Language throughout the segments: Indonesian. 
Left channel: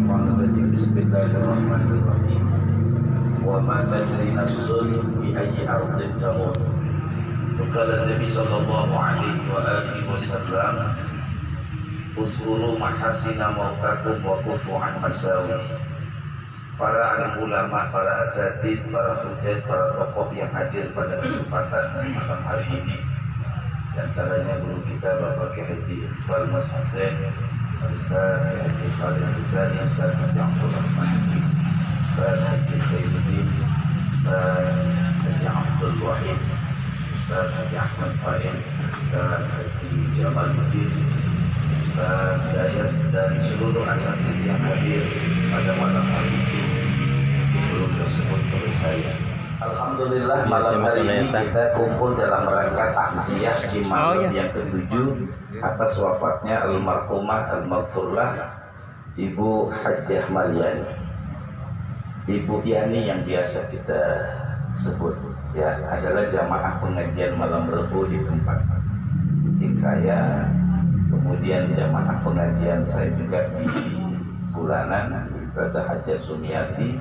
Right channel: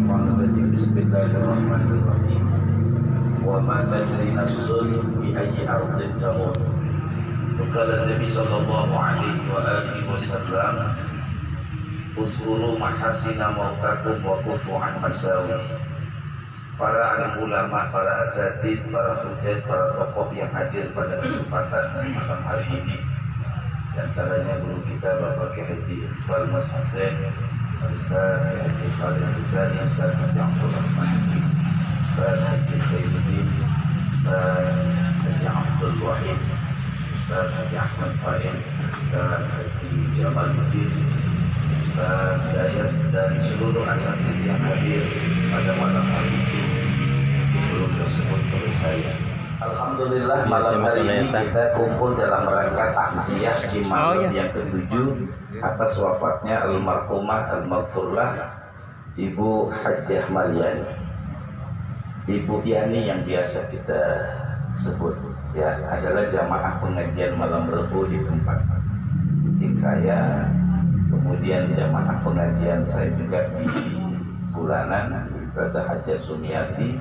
Minasyaitonirrajim. Bismillahirrahmanirrahim. Wa ma tadri nafsun bi ayyi ardin tamut. Qala Nabi sallallahu alaihi wa alihi wasallam, uzkuru mahasina mautakum wa kufu an masawi. Para alim ulama, para asatidz, para hujjah, para tokoh yang hadir pada kesempatan malam hari ini, di antaranya guru kita Bapak Kiai Haji Iqbal Mas Hussein, Ustaz Kiai Haji Khalid Rizali, Ustaz Haji Abdul Rahman, Ustaz Haji Khairuddin, Ustaz Haji Abdul Wahid, Ustaz Haji Ahmad Faiz, Ustaz Haji Jamaluddin, Ustaz Dayat, dan seluruh asatidz yang hadir pada malam hari ini belum tersebut oleh saya. Alhamdulillah malam hari ini kita kumpul dalam rangka takziah di malam yang ke-7 atas wafatnya almarhumah al-maghfurlah Ibu Hajjah Maryani, Ibu Yani yang biasa kita sebut ya, adalah jamaah pengajian malam Rebu di tempat kucing saya, kemudian jamaah pengajian saya juga di bulanan di Plaza Hajjah Sumiati.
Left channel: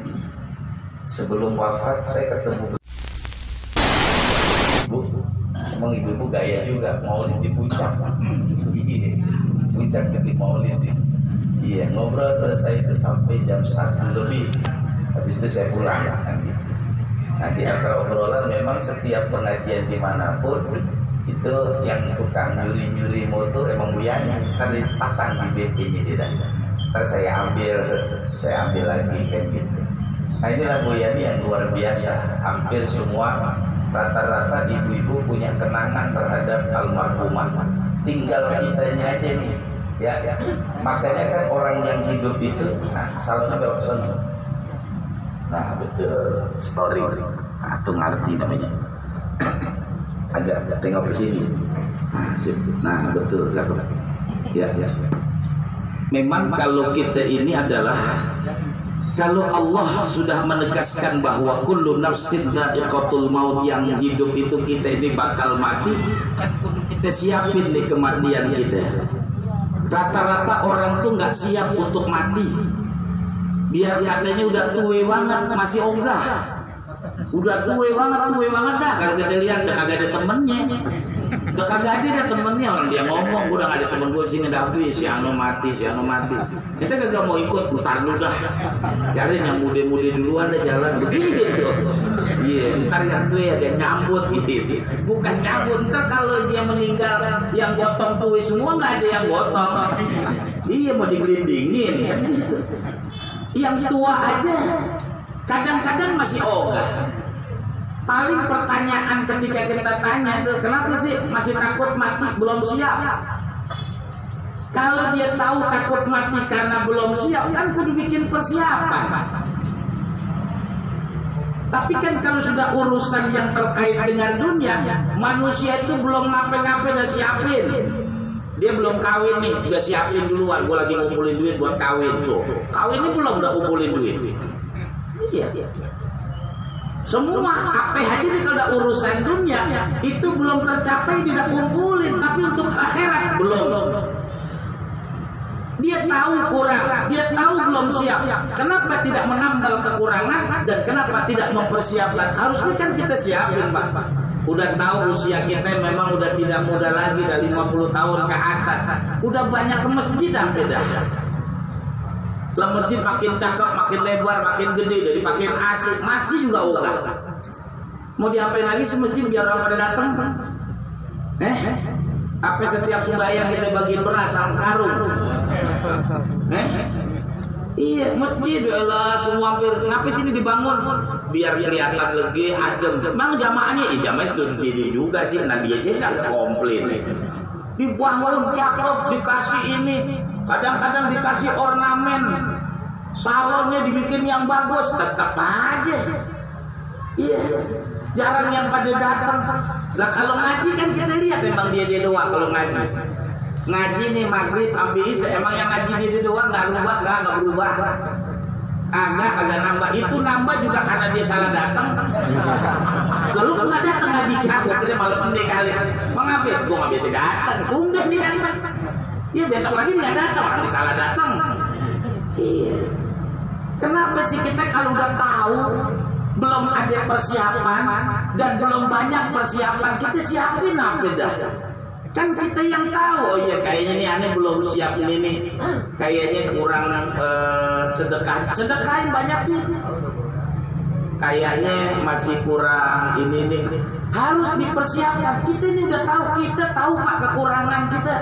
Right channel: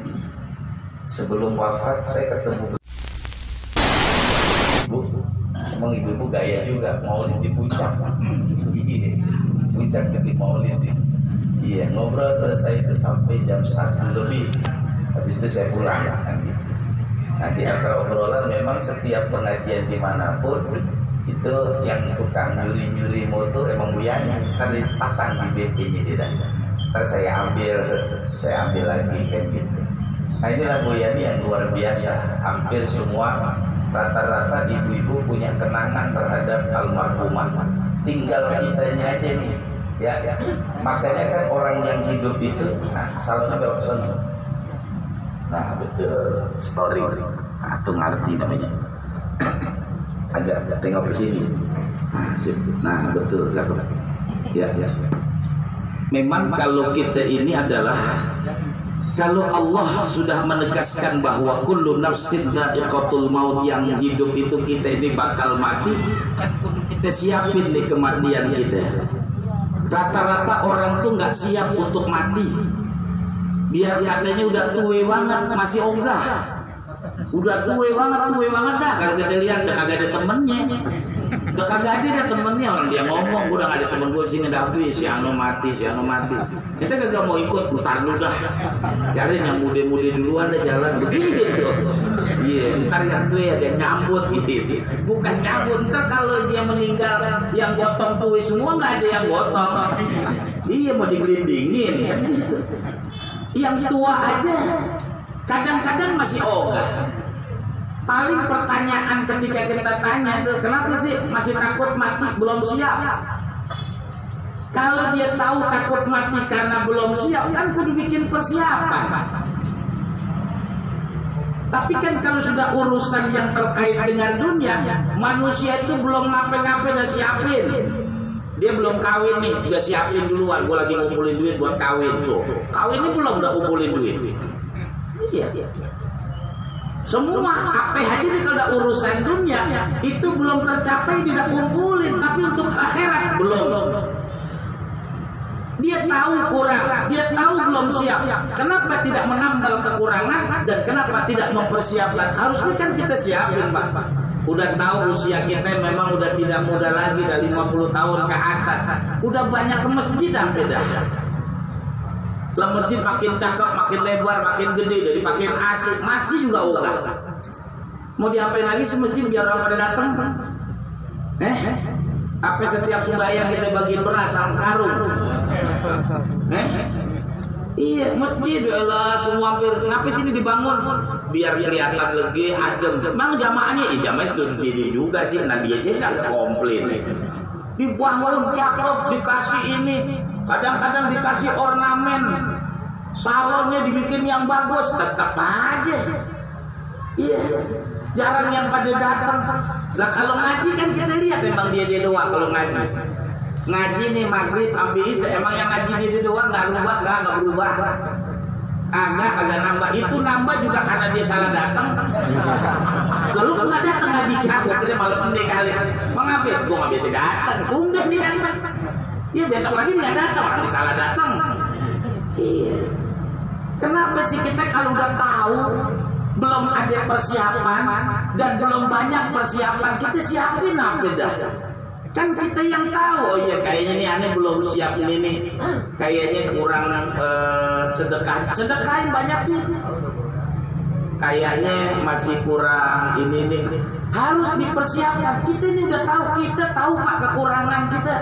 Sebelum wafat saya ketemu ibu, emang ibu-ibu gaya juga, maulid di puncak, iya, puncak di maulid, iya, ngobrol selesai itu sampai jam 1 lebih, habis itu saya pulang, kan gitu. Nah di antara obrolan memang setiap pengajian dimanapun itu yang tukang nyuri-nyuri motor emang Bu Yani, kan dipasang di BP-nya di dalam, ntar saya ambil lagi kan gitu. Nah inilah Bu Yani yang luar biasa. Hampir semua rata-rata ibu-ibu punya kenangan terhadap almarhumah. Tinggal kitanya aja nih ya. Makanya kan orang yang hidup itu, nah salahnya berapa son? Nah betul, story atau ngerti namanya. Agak tengok ke sini. Nah, sip. Nah betul, cakep. Ya. Memang kalau kita ini adalah, kalau Allah sudah menegaskan bahwa kullu nafsin dha'iqatul maut, yang hidup itu kita ini bakal mati, kita siapin nih kematian kita. Rata-rata orang tuh nggak siap untuk mati. Biar katanya udah tua banget masih ogah. Udah tua banget dah. Kalau kita lihat udah kagak ada temennya. Udah kagak ada temennya, orang dia ngomong udah gak ada temen gue sini tapi si anu mati. Kita kagak mau ikut, putar dulu dah. Cariin yang muda-muda duluan dah jalan begitu. Iya, ntar yang tua ada yang nyambut gitu. Bukan nyambut, ntar kalau dia meninggal yang gotong tua semua nggak ada yang gotong. Iya mau digelindingin. Yang tua aja kadang-kadang masih ogah. Paling pertanyaan ketika kita tanya tuh, kenapa sih masih takut mati belum siap? Kalau dia tahu takut mati karena belum siap, kan kudu bikin persiapan. Tapi kan kalau sudah urusan yang terkait dengan dunia, manusia itu belum ngapain-ngapain udah siapin. Dia belum kawin nih, udah siapin duluan. Gue lagi ngumpulin duit buat kawin tuh. Kawin ini belum udah ngumpulin duit. Iya. Semua apa aja nih kalau ada urusan dunia itu belum tercapai tidak kumpulin, tapi untuk akhirat belum. Dia tahu kurang, dia tahu belum siap. Kenapa tidak menambal kekurangan dan kenapa tidak mempersiapkan? Harusnya kan kita siapin, Pak. Udah tahu usia kita memang udah tidak muda lagi, dari 50 tahun ke atas. Udah banyak ke masjid hampir dah. Lah masjid makin cakep, makin lebar, makin gede, dari makin asik, masih juga ogah. Mau diapain lagi si masjid biar orang pada datang? Apa setiap sembahyang kita bagiin beras sarung? Iya, masjid adalah semua hampir. Kenapa sini dibangun? Biar kelihatan lagi adem. Memang jamaahnya, jamaah itu juga sih. Nabi aja nggak komplain. Dibangun cakep, dikasih ini. Kadang-kadang dikasih ornamen, salonnya dibikin yang bagus, tetap aja. Iya, jarang yang pada datang. Lah kalau ngaji kan kita lihat memang dia doang kalau ngaji. Ngaji nih maghrib sampai isya, emang yang ngaji dia doang nggak berubah. Agak nambah. Itu nambah juga karena dia salah datang. Lalu nggak datang ngaji aku kira malam ini kali. Mengapa? Gue nggak biasa datang. Tumben dia datang. Ya besok lagi nggak datang, orang salah datang. Iya. Kenapa sih kita kalau udah tahu belum ada persiapan dan belum banyak persiapan, kita siapin apa dah? Kan kita yang tahu, oh iya kayaknya nih aneh belum siap ini, kayaknya kurang sedekah, sedekahin banyak nih. Kayaknya masih kurang ini nih, harus dipersiapkan. Kita ini udah tahu, kita tahu Pak kekurangan kita.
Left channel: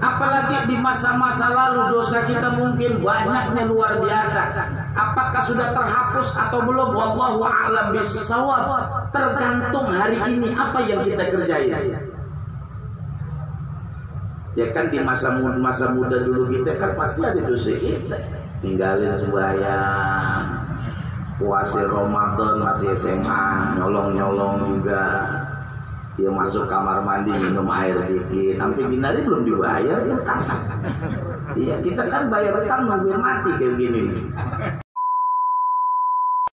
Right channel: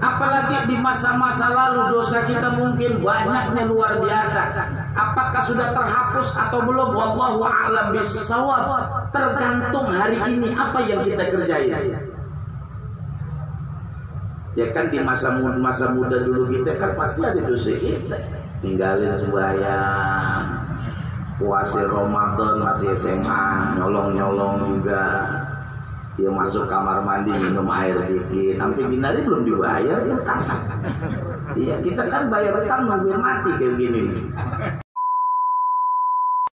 Apalagi di masa-masa lalu dosa kita mungkin banyaknya luar biasa. Apakah sudah terhapus atau belum? Wallahu a'lam bishawab. Tergantung hari ini apa yang kita kerjain. Ya kan di masa muda dulu kita kan pasti ada dosa kita, tinggalin sembahyang, puasa Ramadan masih SMA, nyolong juga, dia masuk kamar mandi minum air dikit, sampai binari belum dibayar ya kan? Iya kita kan bayar kan nungguin mati kayak gini nih.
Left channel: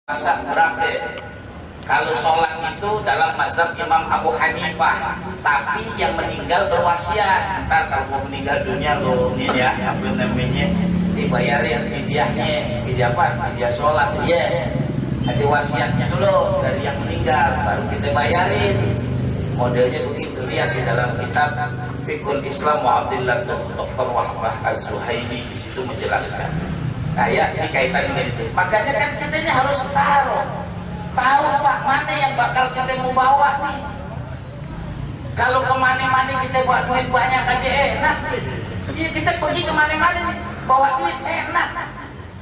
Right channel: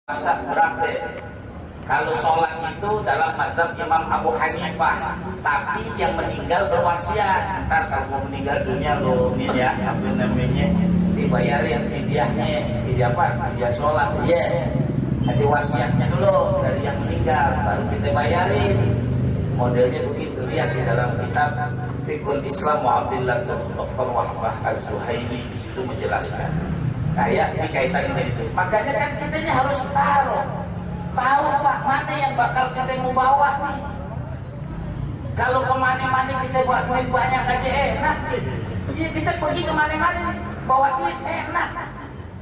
Masa berapa? Kalau sholat itu dalam mazhab Imam Abu Hanifah, tapi yang meninggal berwasiat. Ntar kalau mau meninggal dunia lo ini ya, apa namanya, dibayarin fidyahnya, fidyah apa? Fidyah sholat, ya. Ada wasiatnya dulu dari yang meninggal, baru kita bayarin. Modelnya begitu, lihat di dalam kitab Fiqhul Islam wa Abdillah Dr. Wahbah Az-Zuhaili, di situ menjelaskan. Kayak dikaitan dengan itu. Makanya kan kita ini harus tahu Pak, mana yang bakal kita mau bawa nih. Kalau kemana-mana kita bawa duit banyak aja enak. Ya, kita pergi kemana-mana nih, bawa duit enak.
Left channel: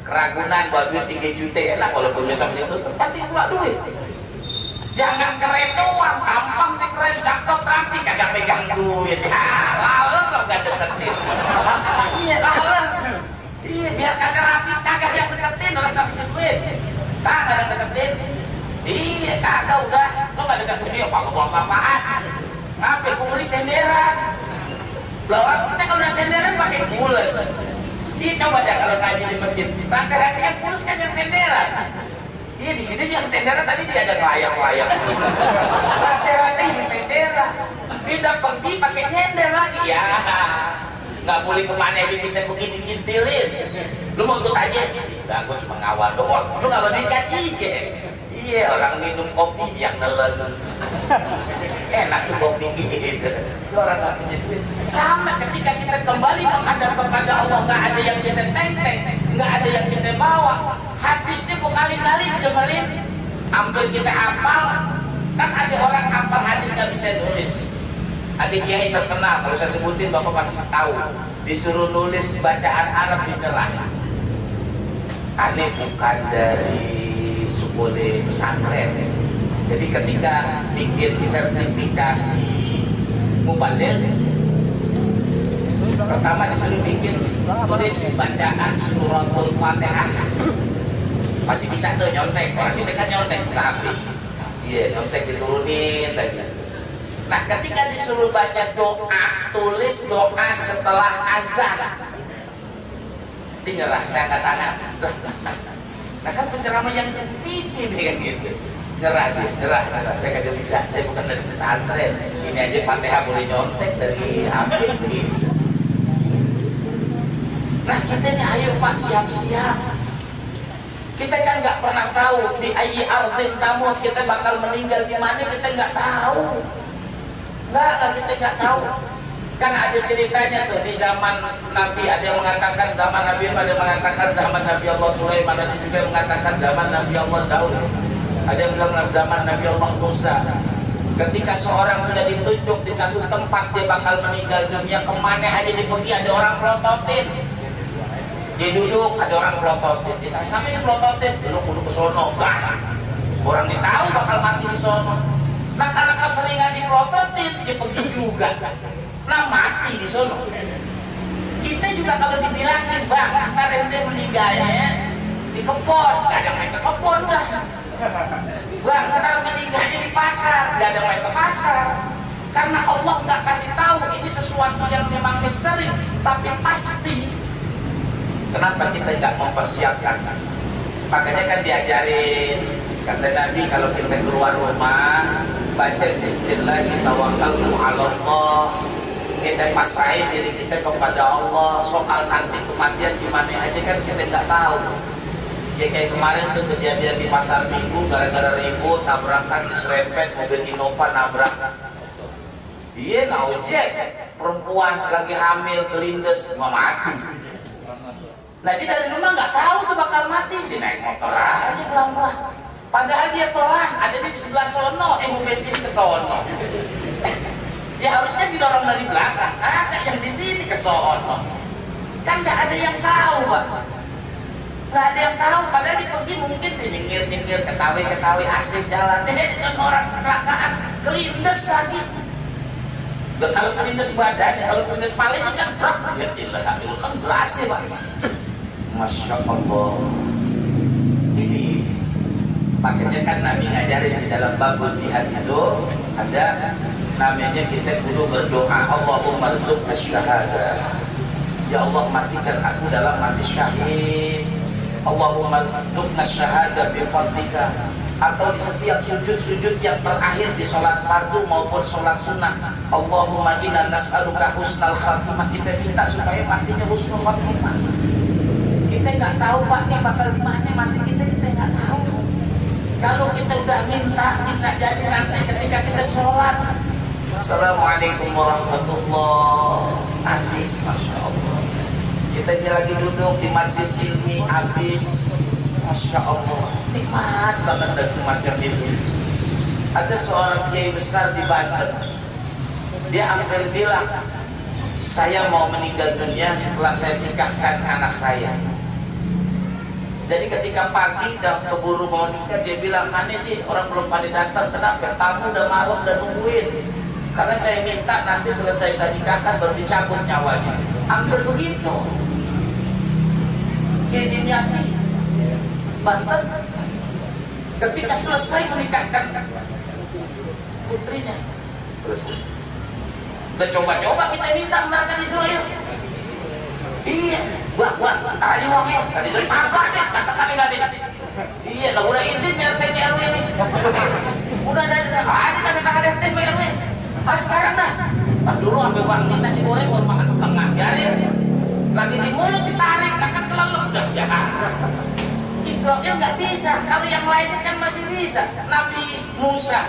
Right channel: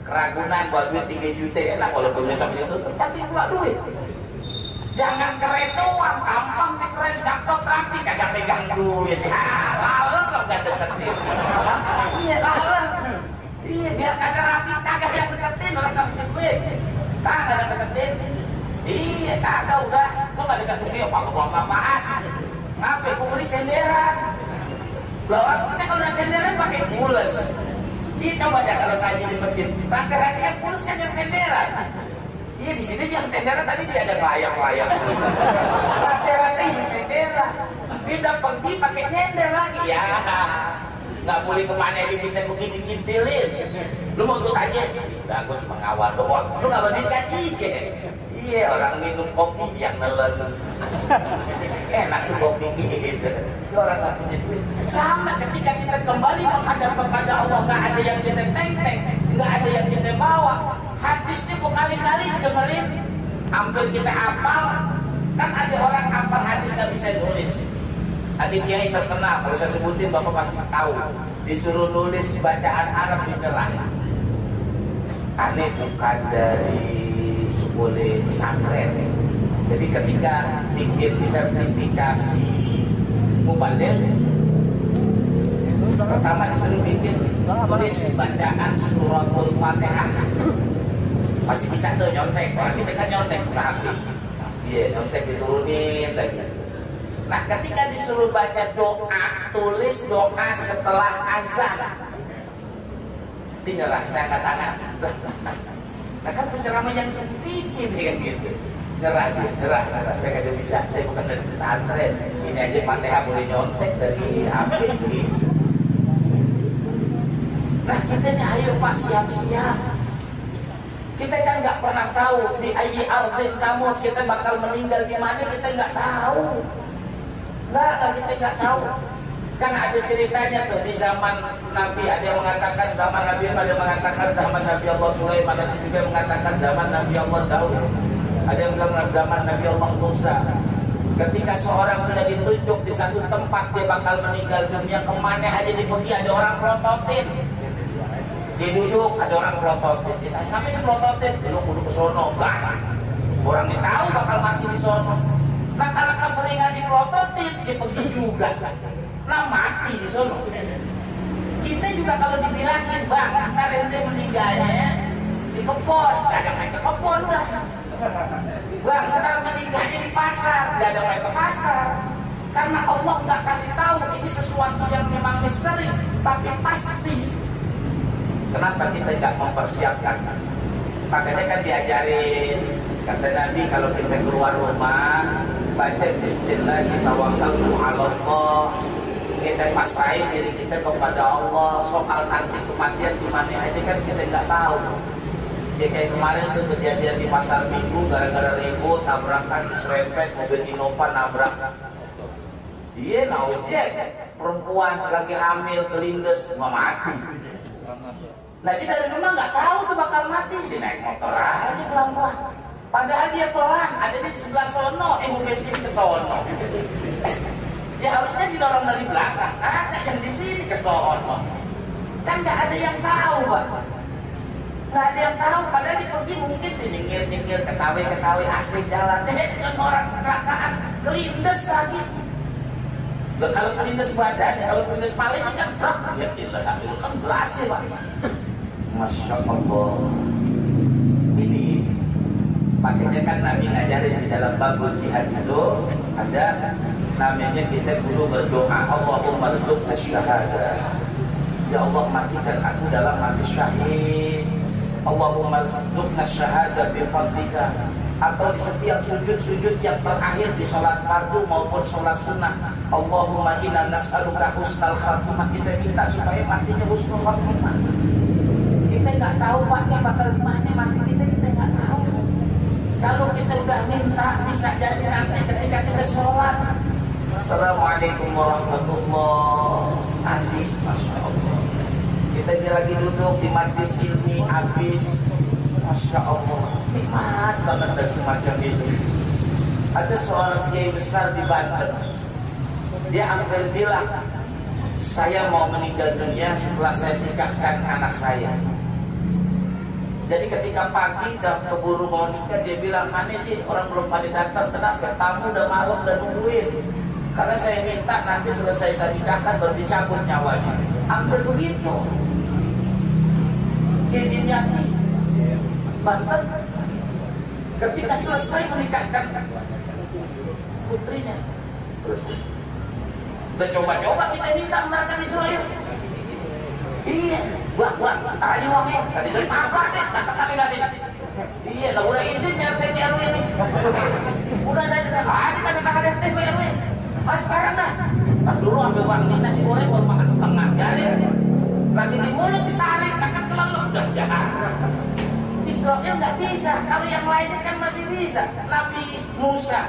Keragunan bawa duit 3 juta enak, walaupun besok ditutup, pasti bawa duit. Jangan keren doang, tampang sih keren, cakep, rapi, kagak pegang duit. Laler lo gak deketin. Iya laler. Iya biar kagak rapi, kagak yang deketin, orang gak punya duit. Kagak yang deketin. Iya kagak udah, lo gak deketin dia apa-apaan. Ngapain kulis senderan? Lah orang kita kalau udah senderan pakai pules. Iya coba dah kalau ngaji di masjid, rata-rata yang pules kan yang senderan. Iya di sini yang senderan tadi dia ada layang-layang. Rata-rata yang senderan. Tidak pergi pakai nyender lagi ya. Nggak boleh kemana aja kita pergi dikintilin. Lu mau ikut aja? Enggak, gua cuma ngawal doang. Lu nggak mau dikat aja. Iya orang minum kopi yang nelen. Enak tuh kopi gitu. Orang nggak punya duit. Sama ketika kita kembali menghadap kepada Allah, nggak ada yang kita teng-teng, nggak ada yang kita bawa. Hadisnya berkali-kali didengerin, hampir kita hafal. Kan ada orang hafal hadis nggak bisa nulis. Ada kiai terkenal, kalau saya sebutin bapak pasti tahu. Disuruh nulis bacaan Arab di nerah. Aneh bukan dari sekolah pesantren. Jadi ketika bikin sertifikasi mubaligh, pertama disuruh bikin tulis bacaan suratul Fatihah. Masih bisa tuh nyontek, orang kita kan nyontek ke HP. Iya, nyontek diturunin lagi. Nah, ketika disuruh baca doa, tulis doa setelah azan. Tinggallah saya angkat tangan. Nah, kan penceramah yang sensitif ini kan gitu. Nyerah dia, nyerah. Saya kagak bisa, saya bukan dari pesantren. Ini aja Fatihah boleh nyontek dari HP gitu. Nah, kita ini ayo Pak siap-siap. Kita kan nggak pernah tahu di ayyi ardin tamut, kita bakal meninggal di mana, kita nggak tahu. Kita nggak tahu. Kan ada ceritanya tuh di zaman Nabi, ada yang mengatakan zaman Nabi, ada yang mengatakan zaman Nabi Allah Sulaiman, ada juga mengatakan zaman Nabi Allah Daud, ada yang bilang zaman Nabi Allah Musa. Ketika seorang sudah ditunjuk di satu tempat dia bakal meninggal dunia, kemana aja dipergi ada orang prototin. Dia duduk, ada orang pelototin, ditanya, ngapain sih pelototin? Dulu kudu ke sono, orang dia tahu bakal mati di sono. Nah karena keseringan dipelototin, dia pergi juga. Nah mati di sono. Kita juga kalau dibilangin, bang, ntar ente meninggalnya di kebun, gak ada main ke kebun dah. Bang, ntar meninggalnya di pasar, gak ada main ke pasar. Karena Allah gak kasih tahu, ini sesuatu yang memang misteri, tapi pasti. Kenapa kita nggak mempersiapkan? Makanya kan diajarin, kata Nabi kalau kita keluar rumah baca Bismillah, tawakkaltu 'ala Allah. kita pasrahin diri kita kepada Allah. Soal nanti kematian gimana aja kan kita nggak tahu. Ya kayak kemarin tuh kejadian di pasar Minggu, gara-gara ribut tabrakan diserempet mobil Innova nabrak. Iya ojek perempuan lagi hamil kelindes mau mati. Nah dia dari rumah nggak tahu tuh bakal mati, dia naik motor aja pelan-pelan. Padahal dia pelan, ada di sebelah sono, mobil sini ke sono. Ya harusnya didorong dari belakang, agak yang di sini ke sono. Kan nggak ada yang tahu, Pak. Nggak ada yang tahu. Padahal dia pergi mungkin dia nyengir, ketawi asik jalan. Dia di sono orang kecelakaan, kelindes lagi. Gak kalau kelindes badan, kalau kelindes palanya kan berat. Ya ilah, itu kan jelas ya, Pak. Masya Allah. Ini makanya kan Nabi ngajarin di dalam babul jihad itu ada namanya kita kudu berdoa, Allahumma rzuqna syahada. Ya Allah matikan aku dalam mati syahid. Allahumma rzuqna syahada bi fadlika. Atau di setiap sujud-sujud yang terakhir di sholat fardu maupun sholat sunnah, Allahumma inna nas'aluka husnal khatimah. Kita minta supaya matinya husnul khatimah. Kita nggak tahu Pak nih bakal gimana mati kita nggak tahu. Kalau kita udah minta bisa jadi nanti ketika kita sholat, Assalamualaikum warahmatullahi habis, Masya Allah. Kita lagi duduk di majlis ilmi habis, Masya Allah, nikmat banget dan semacam itu. Ada seorang kiai besar di Banten, dia hampir bilang, saya mau meninggal dunia setelah saya nikahkan anak saya. Jadi ketika pagi dan keburu mau nikah, dia bilang, aneh sih orang belum pada datang, kenapa? Tamu udah malam udah nungguin. Karena saya minta nanti selesai saya nikahkan baru dicabut nyawanya. Hampir begitu. Kiai Dimyati Banten ketika selesai menikahkan putrinya, selesai. Udah coba-coba kita minta mereka di Israel. Iya, buat aja uangnya. Tadi itu apa deh? Katakan tadi. Iya, udah izin RT RW nih. Udah ada kata RT RW. Sekarang dah. Kan dulu sampai uang nasi goreng baru makan setengah, biarin. Lagi di mulut ditarik, kan kelelep udah ya. Israel nggak bisa. Kalau yang lainnya kan masih bisa. Nabi Musa,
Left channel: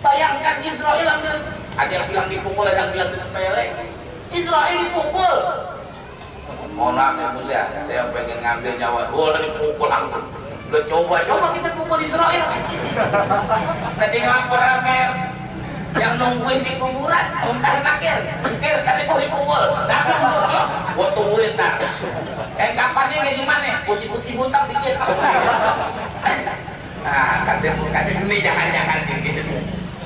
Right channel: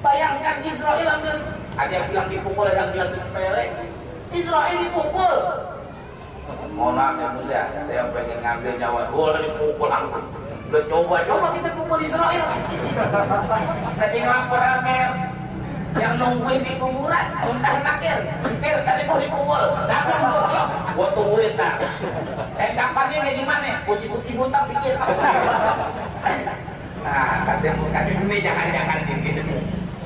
bayangkan Israel ambil. Ada yang bilang dipukul, ada yang bilang ditepelek. Israel dipukul. Mohon maaf ya Musa, saya pengen ngambil nyawa. Boleh dipukul langsung. Udah coba-coba kita pukul Israel. Nanti lapor Amer yang nungguin di kuburan, muntah nakir. Kir, tadi gua dipukul. Datang gua, gua tungguin ntar. Kapannya kayak gimana? Putih-putih butak dikit. Nah, katanya ini jangan-jangan gitu.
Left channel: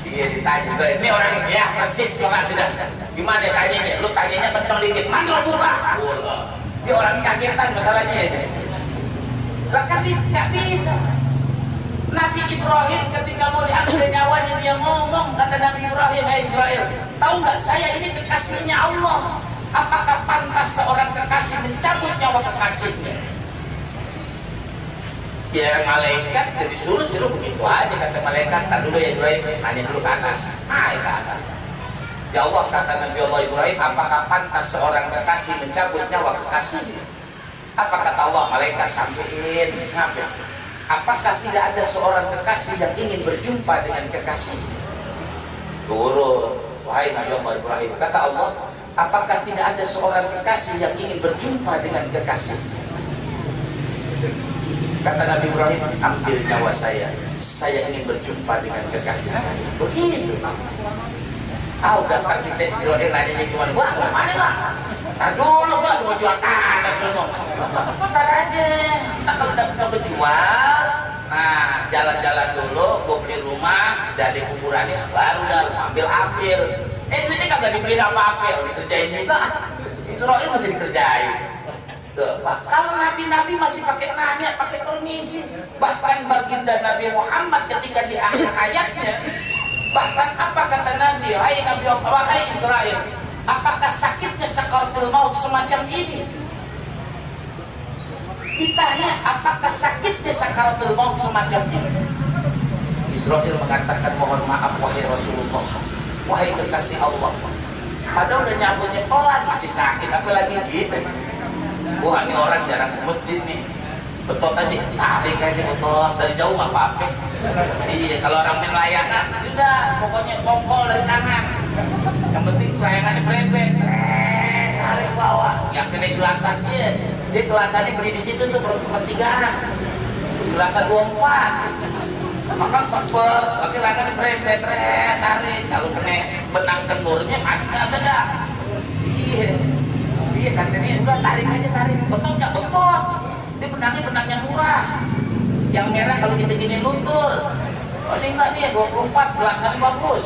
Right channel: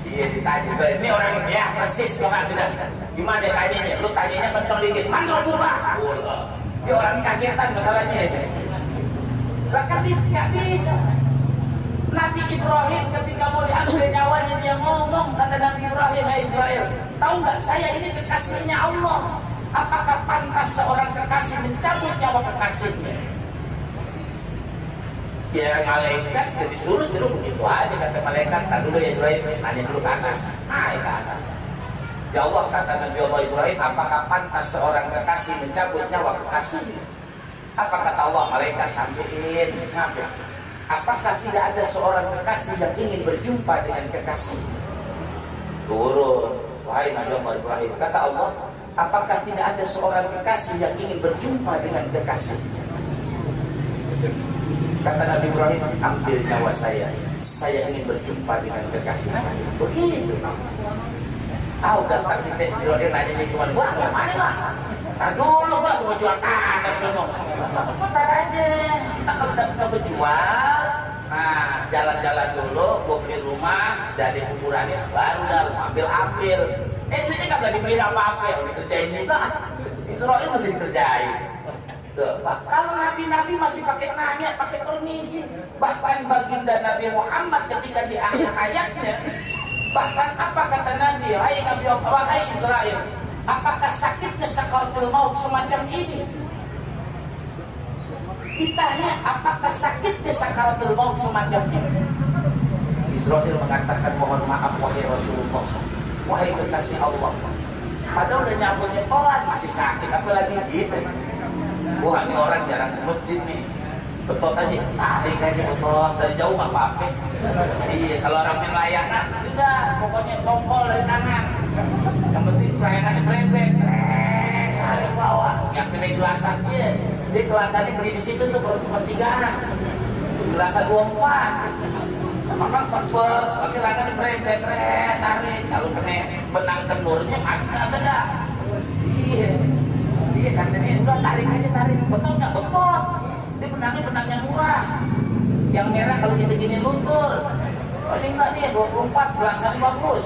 Iya ditanya, ini orang ya persis banget tidak. Gimana tanyanya? Lu tanyanya kencang dikit, mana lu buka? Dia orang kagetan masalahnya itu. Lah kan nggak bisa. Nabi Ibrahim ketika mau diambil nyawanya dia ngomong, kata Nabi Ibrahim, hai Israel, tahu nggak saya ini kekasihnya Allah. Apakah pantas seorang kekasih mencabut nyawa kekasihnya? Ya malaikat jadi suruh begitu aja, kata malaikat, tak dulu ya Ibrahim, nanya dulu ke atas, naik ke atas. Ya Allah, kata Nabi Allah Ibrahim, apakah pantas seorang kekasih mencabut nyawa kekasihnya? Apa kata Allah? Malaikat sampein, ngapain? Apakah tidak ada seorang kekasih yang ingin berjumpa dengan kekasihnya? Turun, wahai Nabi Allah Ibrahim, kata Allah, apakah tidak ada seorang kekasih yang ingin berjumpa dengan kekasihnya? Kata Nabi Ibrahim, ambil nyawa saya ingin berjumpa dengan kekasih saya. Begitu. Udah kan kita Israel nanya gimana? Wah, mana lah? Nah dulu gua mau jual tanah semua. Ntar aja. Kita kalau udah kejual, nah jalan-jalan dulu, gua beli rumah, dari kuburannya, baru dah ambil. Duitnya kagak dibeli apa-apa, dikerjain juga. Israel masih dikerjain. Pak, kalau nabi-nabi masih pakai nanya, pakai permisi. Bahkan baginda Nabi Muhammad ketika di akhir ayatnya, bahkan apa kata Nabi? Hai Nabi Allah, wahai Israel, apakah sakitnya sakaratul maut semacam ini? Ditanya, apakah sakitnya sakaratul maut semacam ini? Israel mengatakan, mohon maaf wahai Rasulullah, wahai kekasih Allah, Padahal udah nyambutnya pelan masih sakit, apalagi gitu. Wah, ini orang jarang ke masjid nih. Betot aja, tarik aja betot dari jauh nggak apa-apa. Iya, kalau orang main layangan, udah pokoknya kongkol dari tangan. Yang penting layangannya berebet, tarik bawah. Yang kena gelasan dia gelasannya beli di situ tuh pertigaan. Gelasan 24. Makan tebel, tapi layangannya berebet, tarik. Kalau kena benang kenurnya ada dah. Iya katanya udah tarik aja tarik. Betul nggak betul? Dia benangnya benang yang murah. Yang merah kalau kita gini luntur. Oh ini enggak nih 24 gelasan bagus.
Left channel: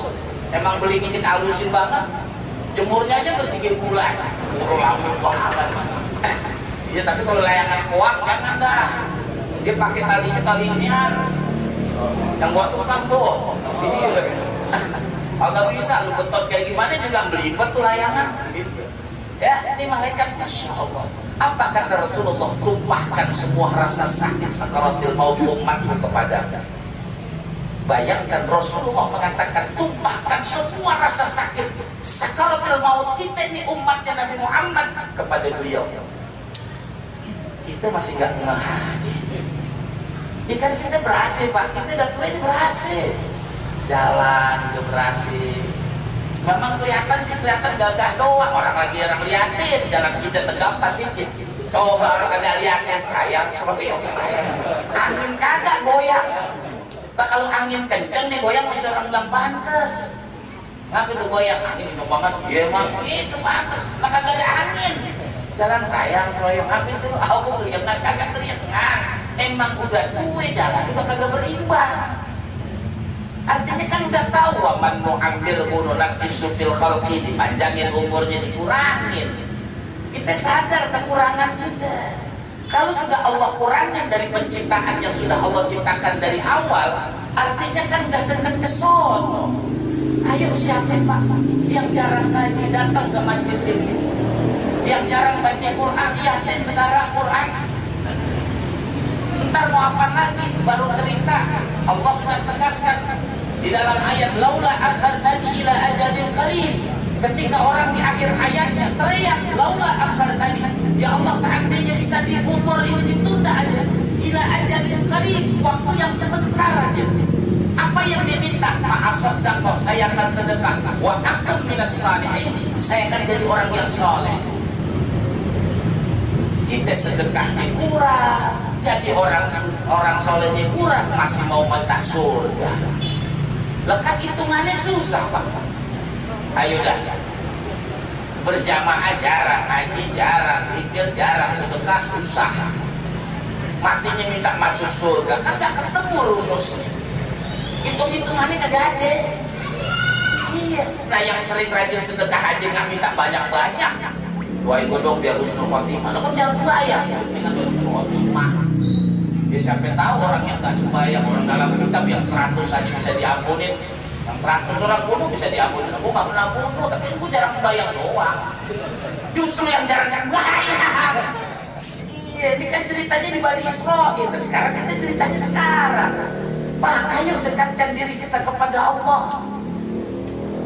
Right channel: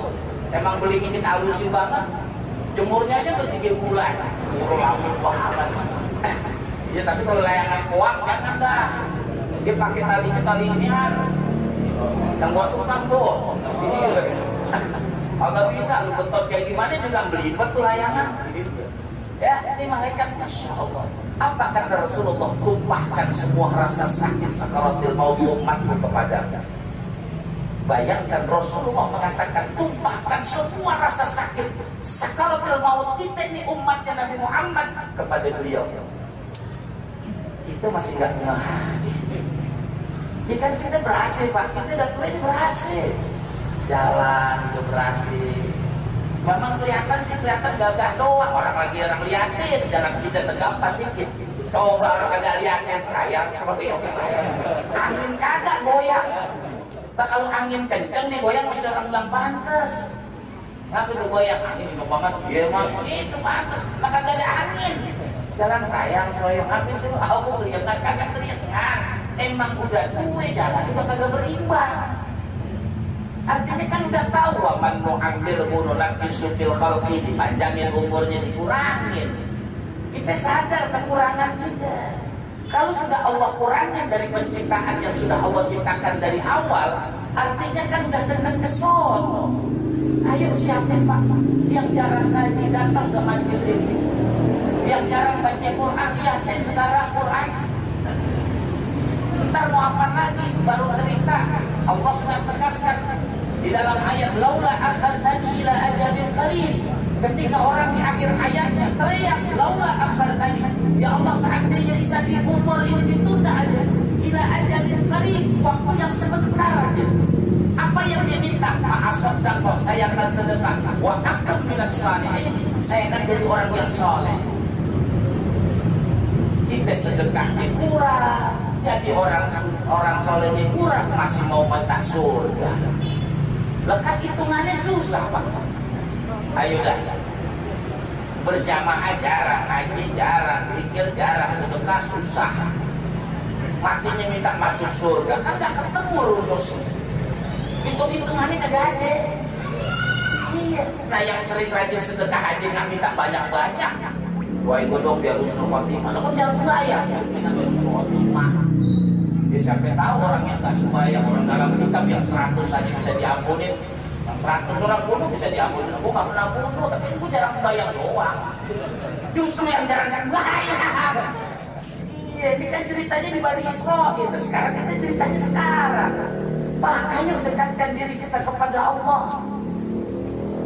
Emang beli kita halusin banget. Jemurnya aja ber3 bulan. Murah lama banget. Iya tapi kalau layangan koang jangan dah. Dia pakai tali inian. Yang buat tukang tuh. Ini agak bisa lu betot kayak gimana juga belibet tuh layangan. Gitu. Ya, ini malaikat, Masya Allah. Apa kata Rasulullah? Tumpahkan semua rasa sakit sakaratil maut umatmu kepada. Bayangkan Rasulullah mengatakan tumpahkan semua rasa sakit sakaratil maut kita ini umatnya Nabi Muhammad kepada beliau. Kita masih nggak ngeh aja. Ya kan kita berhasil Pak, kita udah tua ini berhasil. Jalan udah berhasil. Memang kelihatan gagah doang, orang liatin, jalan kita tegapkan dikit. Coba orang kagak liatin, sayang seperti yang sayang. Angin kagak goyang. Nah, kalau angin kenceng dia goyang masih orang bilang pantes. Ngapa itu goyang? Angin kenceng banget, iya emang itu pantes. Nah kagak ada angin. Jalan sayang, seroyong habis itu, aku kelihatan kagak kelihatan. Emang udah tua jalan, udah kagak berimbang. Artinya kan udah tahu man mu'ambil gununat isufil khalqi, dipanjangin umurnya, dikurangin. Kita sadar kekurangan kita. Kalau sudah Allah kurangin dari penciptaan yang sudah Allah ciptakan dari awal, artinya kan udah dekat ke sono. Ayo siapin Pak yang jarang ngaji datang ke majelis ini, yang jarang baca Quran liatin sekarang Quran. Ntar mau apa lagi? Baru cerita Allah sudah tegaskan di dalam ayat laula akhartani ila ajalin qarib. Ketika orang di akhir hayatnya teriak laula akhartani, ya Allah seandainya bisa di umur ini ditunda aja ila ajalin qarib, waktu yang sebentar aja. Apa yang diminta? Ma'asaddaqah, saya akan sedekah. Wa akum minas salihin, saya akan jadi orang yang soleh. Kita sedekahnya kurang, jadi orang solehnya kurang, masih mau minta surga. Lekat hitungannya susah Pak. Ayo dah, berjamaah jarang, ngaji jarang, zikir jarang, sedekah susah. Matinya minta masuk surga, kan gak ketemu rumusnya. Hitung-hitungannya kagak ada. Iya. Nah yang sering rajin sedekah aja nggak minta banyak-banyak. Doain gue dong biar husnul khotimah. Nah kan jangan sembahyang, dengan husnul khotimah. Ya siapa tahu orang yang nggak sembahyang, orang dalam kitab yang 100 aja bisa diampunin, yang 100 orang bunuh bisa diampunin. Aku nggak pernah bunuh, tapi aku jarang sembahyang doang. Justru yang jarang sembahyang. Iya, ini kan ceritanya di Bani Israil. Sekarang kita ceritanya sekarang. Pak, ayo dekatkan diri kita kepada Allah.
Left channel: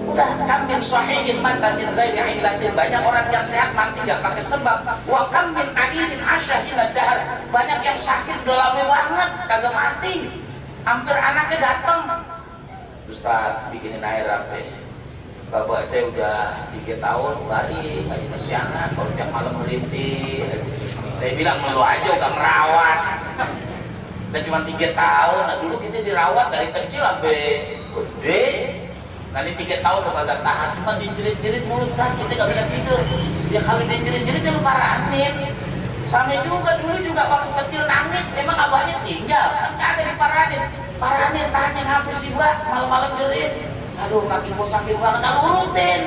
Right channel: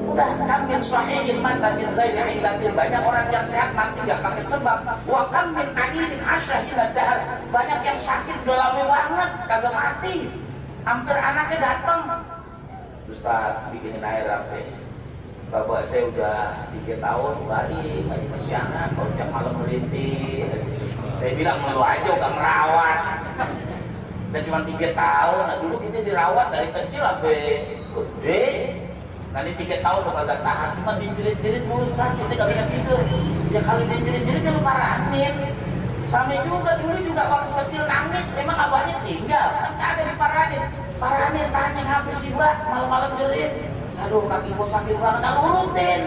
Udah kamil sahihin mata min ghairi illatin. Banyak orang yang sehat mati gak pakai sebab. Wa kamil aidin asyahila dahar. Banyak yang sakit udah lama banget kagak mati. Hampir anaknya datang. Ustaz bikinin air apa? Bapak saya udah 3 tahun hari ngaji kesiangan, kalau tiap malam merintih. Saya bilang lu aja udah merawat. Dan cuma 3 tahun, nah dulu kita dirawat dari kecil sampai gede. Nanti 3 tahun lo kagak tahan, cuma dijerit-jerit mulu kan, kita gak bisa tidur. Ya kalau dijerit-jerit kan lu paranin. Sama juga dulu juga waktu kecil nangis, memang abahnya tinggal, kan kagak diparanin. Paranin, tahanin habis sih gua, malam-malam jerit. Aduh kaki gua sakit banget, lalu urutin.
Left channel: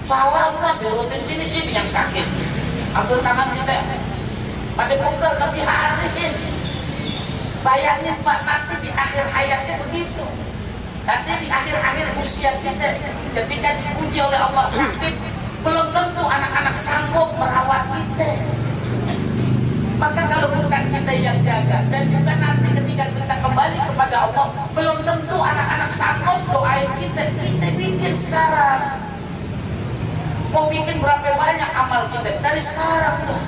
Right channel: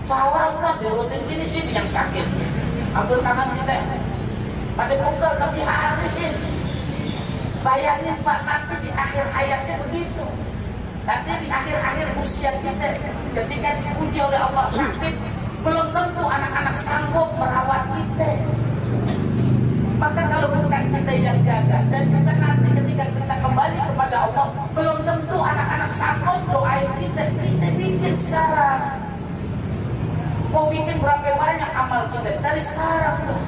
Salah udah diurutin sini yang sakit. Ambil tangan kita, pada pukul lebih hariin. Bayangin Pak, nanti di akhir hayatnya begitu. Nanti di akhir-akhir usia kita, ketika dipuji oleh Allah sakit, belum tentu anak-anak sanggup merawat kita. Maka kalau bukan kita yang jaga, dan juga nanti ketika kita kembali kepada Allah, belum tentu anak-anak sanggup doain kita. Kita bikin sekarang. mau bikin berapa banyak amal kita dari sekarang lah.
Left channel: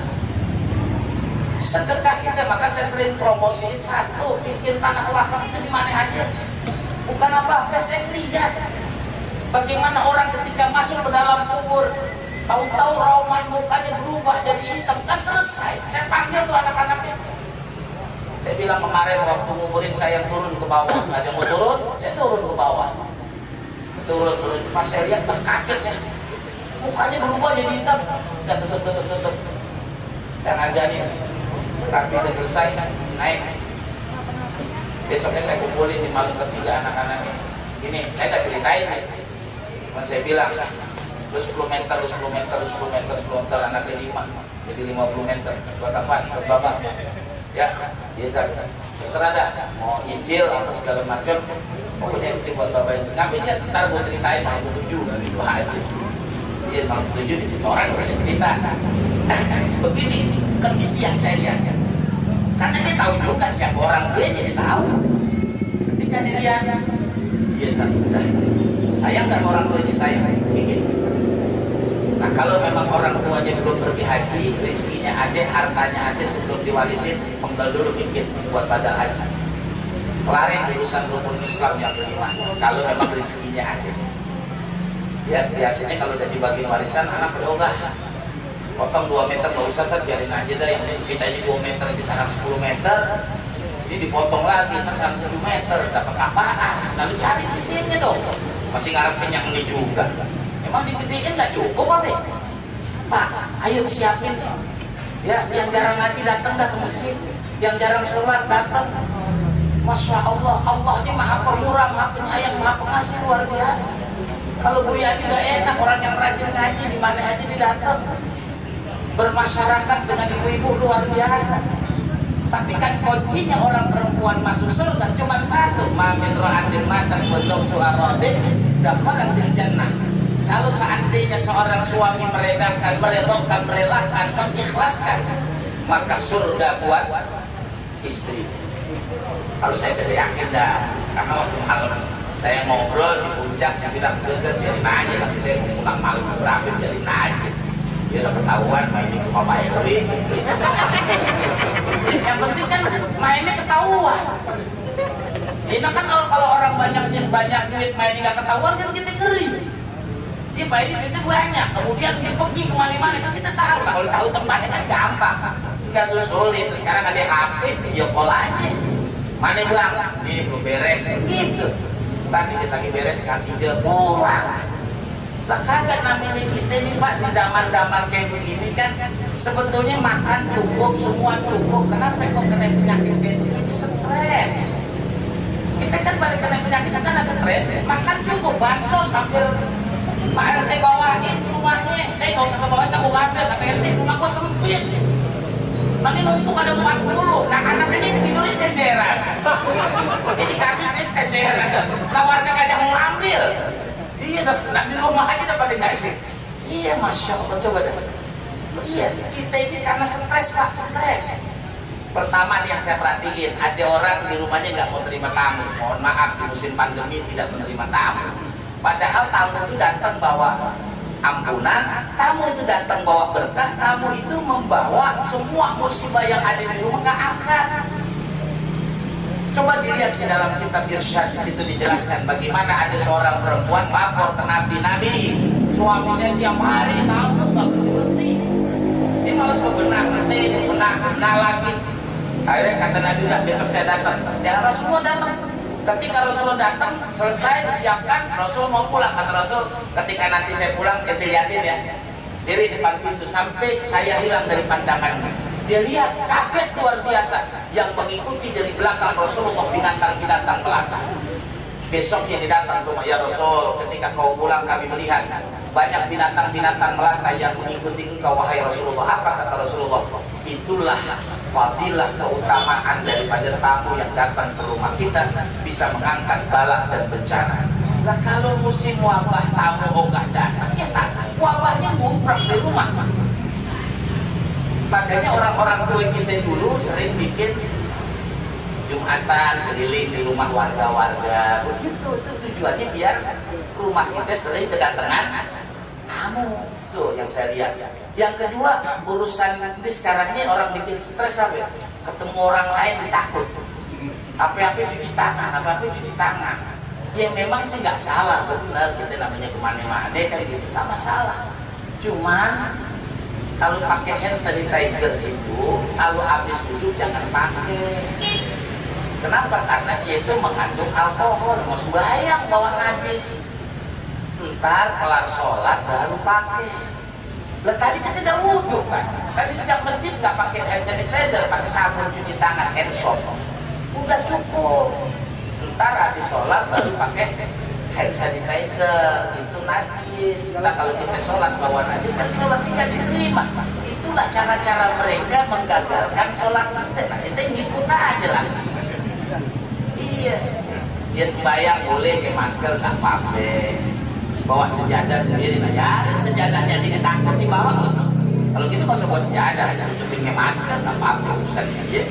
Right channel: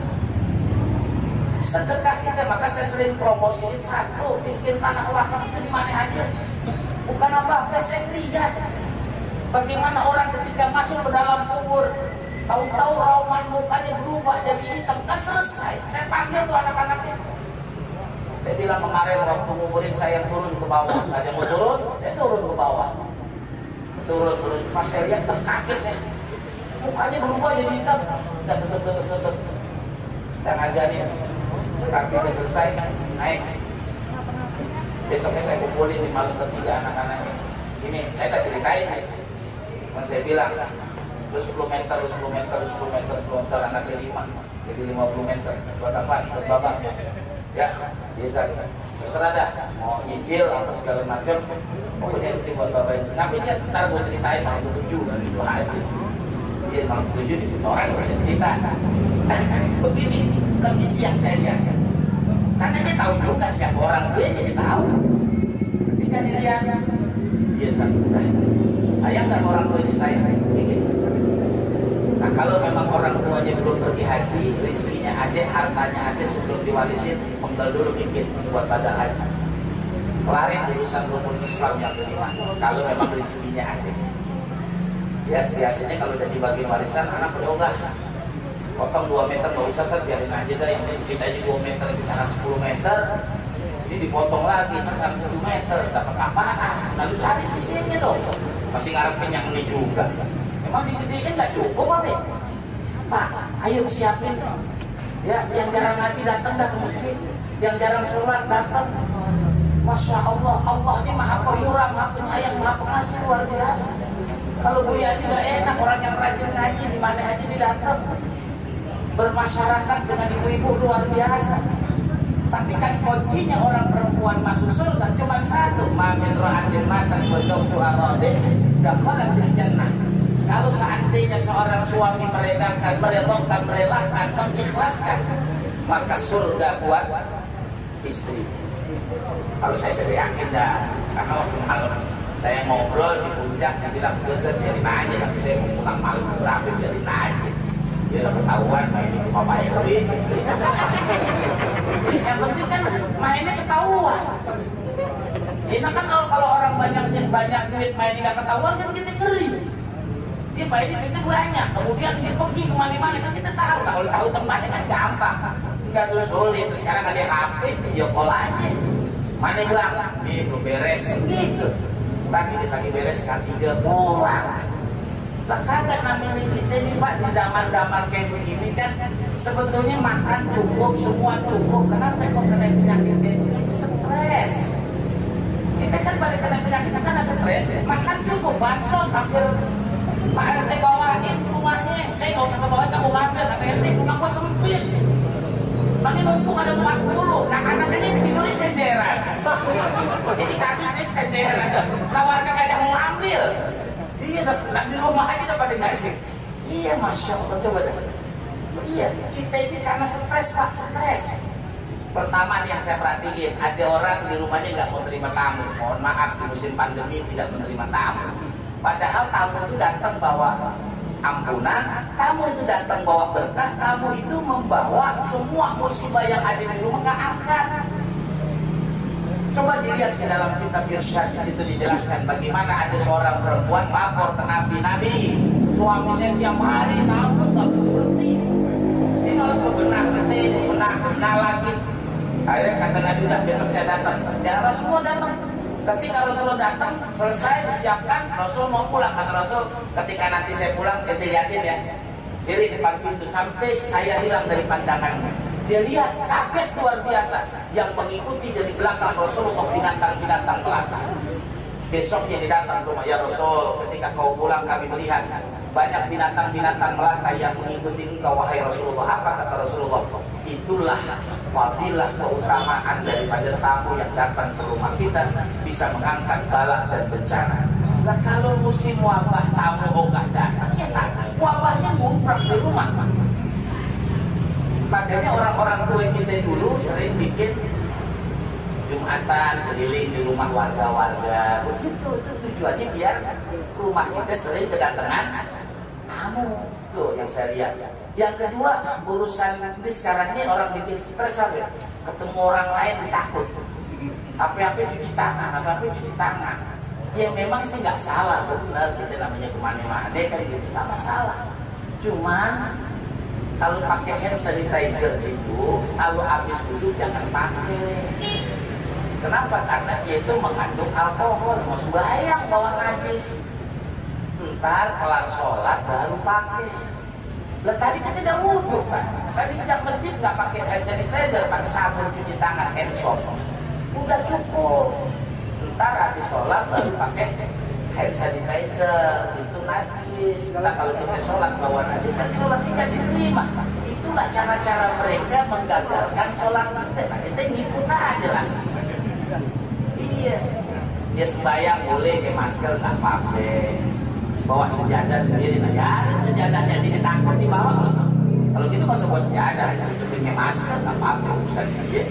Sedekah kita, maka saya sering promosiin satu, bikin tanah wakaf itu di mana aja. Bukan apa-apa, saya lihat bagaimana orang ketika masuk ke dalam kubur, tahu-tahu rauman mukanya berubah jadi hitam, kan selesai. Saya panggil tuh anak-anaknya. Saya bilang kemarin waktu nguburin saya turun ke bawah, nggak ada yang mau turun, saya turun ke bawah. Turun. Pas saya lihat terkaget saya, mukanya berubah jadi hitam. Dan tutup. Saya ngajarin, rapi udah selesai, naik. Besoknya saya kumpulin di malam ketiga anak-anaknya. Ini saya nggak ceritain, cuma saya bilang, lu 10 meter, anaknya 5, jadi 50 meter. Buat apaan? Buat bapak. Ya, biasa. Terserah dah, mau nyicil apa segala macam. Pokoknya itu buat bapak itu. Ngapain sih? Ntar gue ceritain malam 7 gitu aja. Dia malam 7 di situ orang bisa cerita. Begini kondisi yang saya lihat. Karena dia tahu juga siapa orang, dia jadi tahu. Ketika dia lihat, dia satu dah. Sayang nggak orang tua ini saya bikin. Nah kalau memang orang tuanya belum pergi haji, rezekinya ada, hartanya ada, sebelum diwarisin, penggal dulu bikin buat badal haji. Kelarin urusan rukun Islam yang kelima. Kalau memang rezekinya ada. Ya biasanya kalau udah dibagiin warisan, anak berogah. Potong 2 meter, nggak usah set, biarin aja dah. Yang kita ini 2 meter, di sana 10 meter. Ini dipotong lagi, sana 7 meter, dapat apaan? Lalu cari sisinya dong. Masih ngarep kenyang ini juga. Emang digedein nggak cukup apa? Pak, ayo siapin ya. Yang jarang ngaji datang dah ke masjid, yang jarang sholat datang. Masya Allah, Allah ini maha pemurah, maha penyayang, maha pengasih, luar biasa. Kalau Bu Yani udah enak, orang yang rajin ngaji di mana aja dia datang, bermasyarakat dengan ibu-ibu luar biasa. Tapi kan kuncinya orang perempuan masuk surga cuma satu, mamin ra'atin matan wa zawjuha radin dakhalatil jannah. Kalau seandainya seorang suami merelakan, mengikhlaskan, maka surga buat istri. Kalau saya sudah yakin dah, karena waktu malam saya ngobrol di puncak, dia bilang, "Ustaz, biarin aja, nanti saya mau pulang malam berapa, biarin aja." Dia udah ketahuan mainin ke Papa RW. Yang penting kan mainnya ketahuan. Ini kan kalau orang banyak duit mainnya nggak ketahuan kan kita ngeri. Dia mainin duitnya banyak, kemudian dia pergi kemana-mana kan kita tahu. Kalau tahu tempatnya kan gampang, nggak sulit. Sekarang ada HP, video call aja. Mana bilang, nih belum beres gitu. Tadi kita lagi beres kan 3 pulang. Lah kagak namanya kita nih Pak, di zaman-zaman kayak begini kan sebetulnya makan cukup, semua cukup. Kenapa kok kena penyakit kayak begini? Stres. Kita kan balik kena penyakit karena stres. Makan cukup, bansos hampir Pak RT bawain rumahnya. Nggak usah ke bawah, kita mau ngambil. Kata RT, rumahku sempit. Nanti numpuk ada 40. Nah anak ini tidurnya senderan. Jadi kaki senderan. Nah warga kagak mau ambil. Iya, nah, di rumah aja udah pada nyari. Iya, Masya Allah, coba dah. Iya, kita ini karena stres Pak, stres. Pertama nih yang saya perhatiin, ada orang di rumahnya nggak mau terima tamu. Mohon maaf, di musim pandemi tidak menerima tamu. Padahal tamu itu datang bawa ampunan, tamu itu datang bawa berkah, tamu itu membawa semua musibah yang ada di rumah ke angkat. Coba dilihat di dalam kitab Irsyad, di situ dijelaskan bagaimana ada seorang perempuan lapor ke Nabi, suami saya tiap hari tamu nggak berhenti, dia malas bebenah lagi. Akhirnya kata Nabi, udah besok saya datang. Ya Rasulullah datang. Ketika Rasulullah datang, selesai disiapkan, Rasul mau pulang. Kata Rasul, ketika nanti saya pulang, kita lihatin ya, diri depan pintu sampai saya hilang dari pandangannya. Dia lihat kaget luar biasa yang mengikuti dari belakang Rasulullah, binatang-binatang melata. Besoknya dia datang ke rumah, ya Rasul, ketika kau pulang kami melihat banyak binatang-binatang melata yang mengikuti engkau wahai Rasulullah. Apa kata Rasulullah? Itulah fadilah keutamaan daripada tamu yang datang ke rumah kita, bisa mengangkat bala dan bencana. Nah kalau musim wabah tamu ogah datang, ya tak, wabahnya ngumprak di rumah. Makanya orang-orang tua kita dulu sering bikin Jumatan keliling di rumah warga-warga. Begitu, itu tujuannya biar rumah kita sering kedatangan tamu. kamu tuh yang saya lihat. Yang kedua, urusan ini sekarang ini orang bikin stres apa? Ketemu orang lain ditakut. Apa-apa cuci tangan, apa-apa cuci tangan. Ya memang sih nggak salah, benar kita namanya kemana-mana kan gitu, nggak masalah. Cuman kalau pakai hand sanitizer itu, kalau habis wudhu jangan pakai. Kenapa? Karena dia itu mengandung alkohol, mau sembahyang bawa najis. Ntar kelar sholat baru pakai. Lah tadi kan tidak wudhu kan? Kan di setiap masjid nggak pakai hand sanitizer, pakai sabun cuci tangan, hand soap. Udah cukup. Ntar habis sholat baru pakai hand sanitizer, itu najis. Nah kalau kita sholat bawa najis kan sholat tidak diterima. Itulah cara-cara mereka menggagalkan sholat kita. Nah kita ngikut aja lagi. Iya, dia sembahyang boleh pakai masker tak apa-apa, bawa sejadah sendiri. Nah ya sejadahnya jadi takut dibawa. Kalau gitu nggak usah bawa sejadah, tutupin pakai masker tak apa-apa, urusan dia.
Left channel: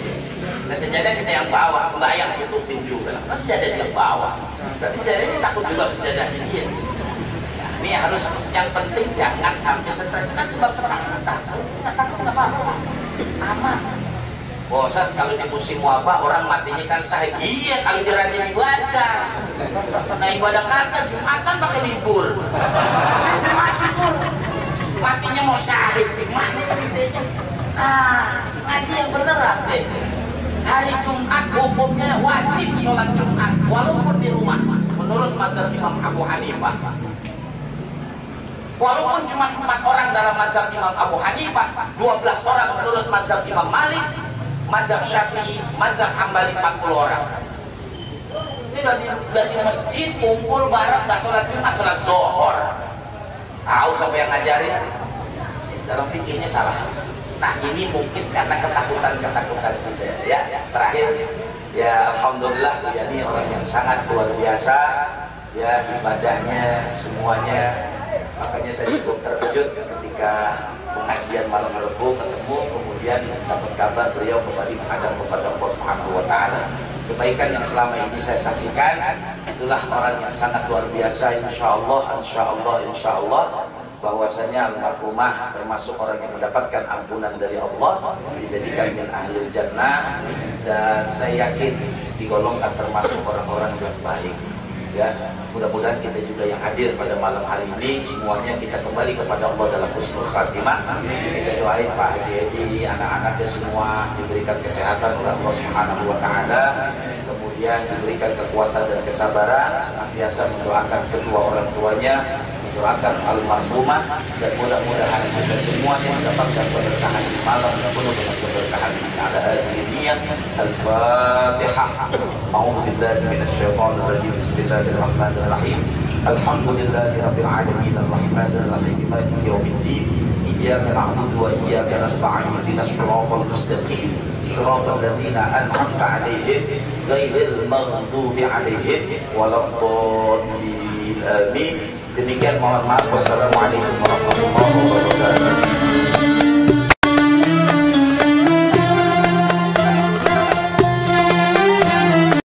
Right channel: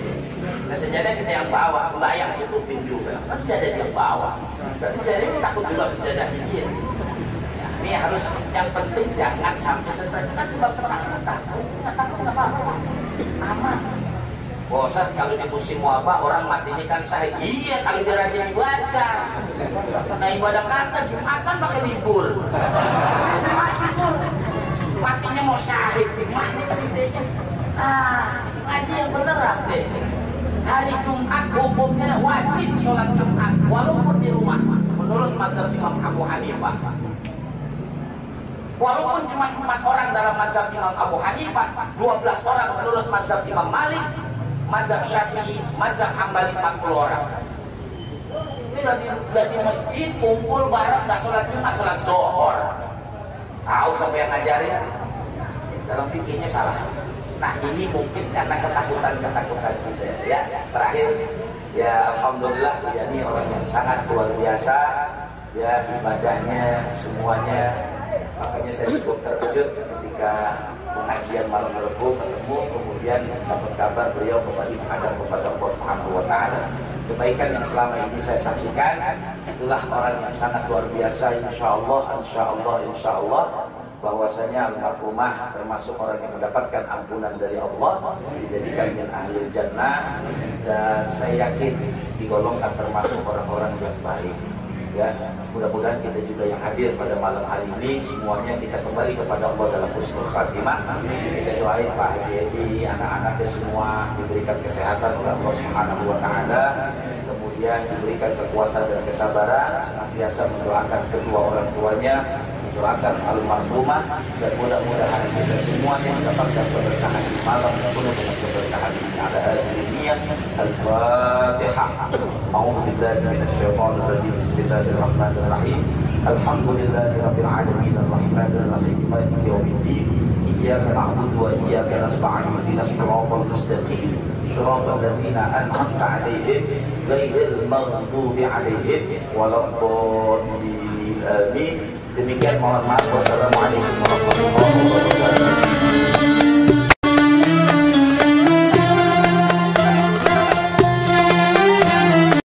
Nah sejadah kita yang bawa, sembahyang tutupin juga. Nah sejadah dia yang bawa, berarti sejadah ini takut juga sejadahnya dia. Nah, ini harus yang penting jangan sampai stres, itu kan sebab ketakutan. Kalau nggak takut nggak apa-apa, aman. Bosan kalau di musim wabah orang matinya kan sahih. Iya kalau dia rajin ibadah. Nah ibadah kagak, Jumatan pakai libur. Matinya mau syahid gimana kan idenya? Ngaji yang bener apa? Hari Jumat hukumnya wajib sholat Jumat walaupun di rumah menurut mazhab Imam Abu Hanifah. Walaupun cuma 4 orang dalam mazhab Imam Abu Hanifah, 12 orang menurut mazhab Imam Malik, mazhab Syafi'i, mazhab Hambali 40 orang. Ini udah di masjid kumpul bareng nggak sholat Jumat, sholat Zuhur. Tahu siapa yang ngajarin? Dalam fikihnya salah. Nah ini mungkin karena ketakutan kita ya. Terakhir ya alhamdulillah ya ini orang yang sangat luar biasa ya ibadahnya semuanya. Makanya saya cukup terkejut ketika pengajian malam Rabu ketemu kemudian dapat kabar beliau kembali menghadap kepada Allah Subhanahu wa taala. Kebaikan yang selama ini saya saksikan itulah orang yang sangat luar biasa insyaallah bahwasanya almarhumah termasuk orang yang mendapatkan ampunan dari Allah, dijadikan min ahlil jannah, dan saya yakin digolongkan termasuk orang-orang yang baik. Ya, mudah-mudahan kita juga yang hadir pada malam hari ini semuanya kita kembali kepada Allah dalam husnul khatimah. Kita doain Pak Haji Edi, anak-anaknya semua diberikan kesehatan oleh Allah Subhanahu wa taala, kemudian diberikan kekuatan dan kesabaran, senantiasa mendoakan kedua orang tuanya, doakan almarhumah, dan mudah-mudahan kita semuanya mendapatkan keberkahan di malam yang penuh dengan keberkahan ini. Ala hadhihi niyyah al-Fatihah. A'udzu billahi minasyaitonir rajim. Bismillahirrahmanirrahim. Alhamdulillahi rabbil alamin arrahmanir rahim maliki yaumiddin. Iyyaka na'budu wa iyyaka nasta'in. Ihdinas siratal mustaqim. Siratal ladzina an'amta 'alaihim ghairil maghdubi 'alaihim waladdallin. Amin. Demikian mohon maaf. Wassalamualaikum warahmatullahi wabarakatuh.